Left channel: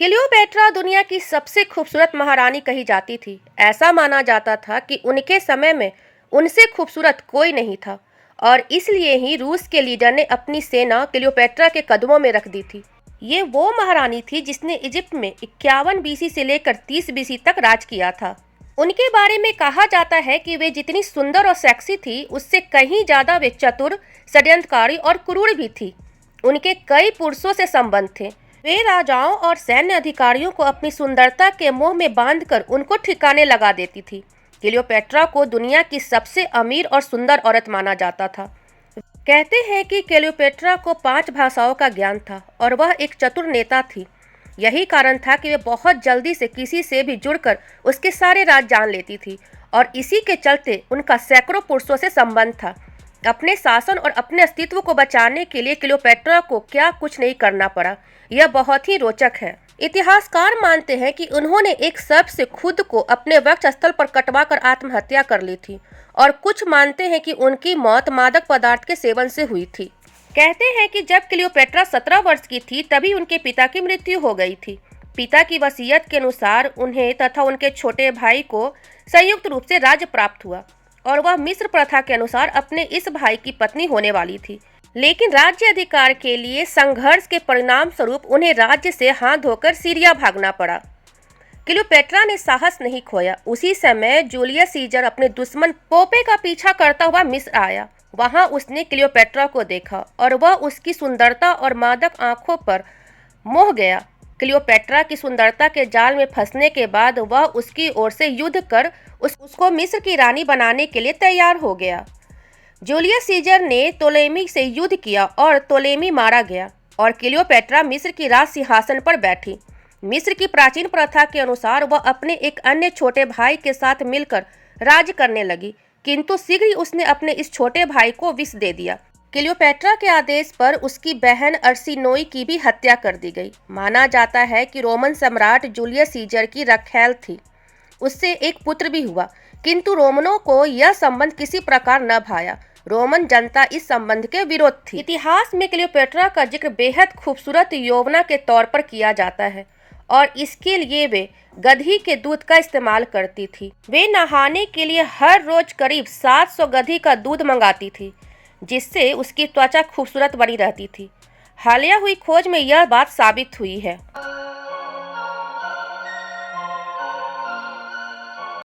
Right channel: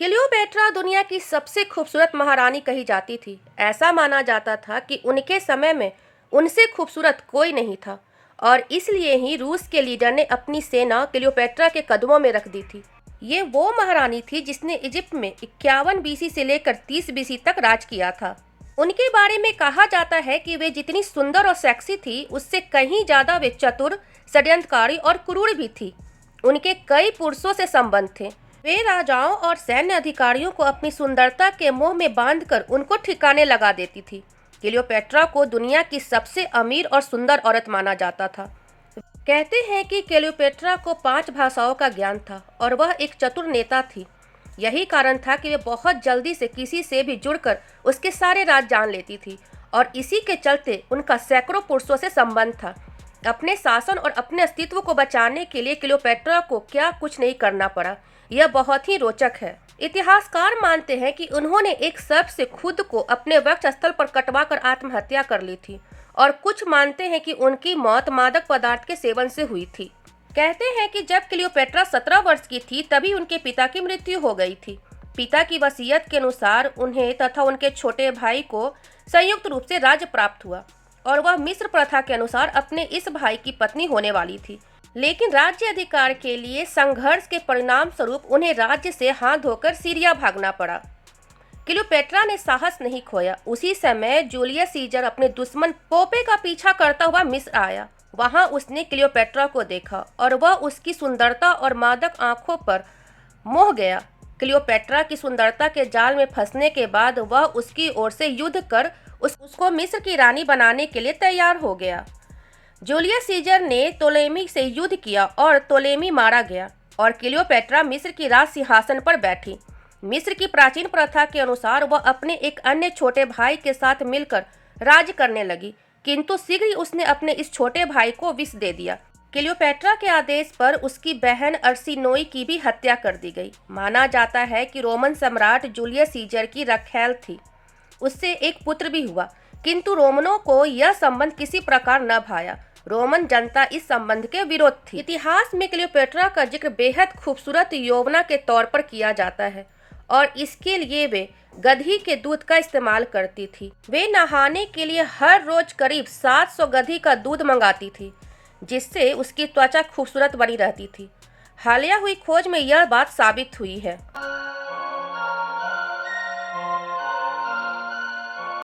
Cleopatra दुनिया की सबसे खूबसूरत महारानी कही जाती थी। ऐसा माना जाता था कि उनके समय में उनसे खूबसूरत कोई नहीं था और इसलिए ही रूस के लीडर ने अपनी सेना क्लियोपेट्रा के कदमों में रख दी थी। ये वो महारानी थी जिसने इजिप्ट में 51 बीसी से लेकर 30 बीसी तक राज किया था। उनके बारे में कहा जाता है कि वे जितनी सुंदर और सेक्सी थी, उससे कहीं ज्यादा वे चतुर, षड्यंत्रकारी और क्रूर भी थी। उनके कई पुरुषों से संबंध थे। वे राजाओं और सैन्य अधिकारियों को अपनी सुंदरता के मोह में बांधकर उनको ठिकाने लगा देती थी। क्लियोपेट्रा को दुनिया की सबसे अमीर और सुंदर औरत माना जाता था। कहते हैं कि क्लियोपेट्रा को 5 भाषाओं का ज्ञान था और वह एक चतुर नेता थी। यही कारण था कि वे बहुत जल्दी से किसी से भी जुड़कर उसके सारे राज जान लेती थी और इसी के चलते उनका सैकड़ों पुरुषों से संबंध था। अपने शासन और अपने अस्तित्व को बचाने के लिए क्लियोपेट्रा को क्या कुछ नहीं करना पड़ा, यह बहुत ही रोचक है। इतिहासकार मानते हैं कि उन्होंने एक सर्प से खुद को अपने वक्ष स्थल पर कटवाकर आत्महत्या कर ली थी और कुछ मानते हैं कि उनकी मौत मादक पदार्थ के सेवन से हुई थी। कहते हैं कि जब क्लियोपेट्रा 17 वर्ष की थी तभी उनके पिता की मृत्यु हो गई थी। पिता की वसीयत के अनुसार उन्हें तथा उनके छोटे भाई को संयुक्त रूप से राज्य प्राप्त हुआ और वह मिस्र प्रथा के अनुसार अपने इस भाई की पत्नी होने वाली थी। लेकिन राज्य अधिकार के लिए संघर्ष के परिणाम स्वरूप उन्हें राज्य से हाथ धोकर सीरिया भागना पड़ा। क्लियोपेट्रा ने साहस नहीं खोया। उसी समय जूलियस सीजर अपने दुश्मन पोपे का पीछा करता हुआ मिस्र आया। वहां उसने क्लियोपेट्रा को देखा और वह उसकी सुंदरता और मादक आंखों पर मोह गया। क्लियोपेट्रा की सुंदरता के जाल में फंसने के बाद वह उसकी ओर से युद्ध कर उसको मिस्र की रानी बनाने के लिए तैयार हो गया। जूलियस सीजर ने टोलेमी से युद्ध किया और टोलेमी मारा गया और क्लियोपेट्रा मिस्र की राज सिंहासन पर बैठी। मिस्र की प्राचीन प्रथा के अनुसार वह अपने एक अन्य छोटे भाई के साथ मिलकर राज करने लगी, किंतु शीघ्र ही उसने अपने इस छोटे भाई को विष दे दिया। क्लियोपेट्रा के आदेश पर उसकी बहन अर्सिनोई की भी हत्या कर दी गई। माना जाता है कि रोमन सम्राट जूलियस सीजर की रखैल थी। उससे एक पुत्र भी हुआ, किंतु रोमनों को यह संबंध किसी प्रकार न भाया। रोमन जनता इस संबंध के विरोध थी। इतिहास में क्लियोपेट्रा का जिक्र बेहद खूबसूरत यौवना के तौर पर किया जाता है और इसके लिए वे गधी के दूध का इस्तेमाल करती थी। वे नहाने के लिए हर रोज करीब 700 गधी का दूध मंगाती थी, जिससे उसकी त्वचा खूबसूरत बनी रहती थी। हालिया हुई खोज में यह बात साबित हुई है।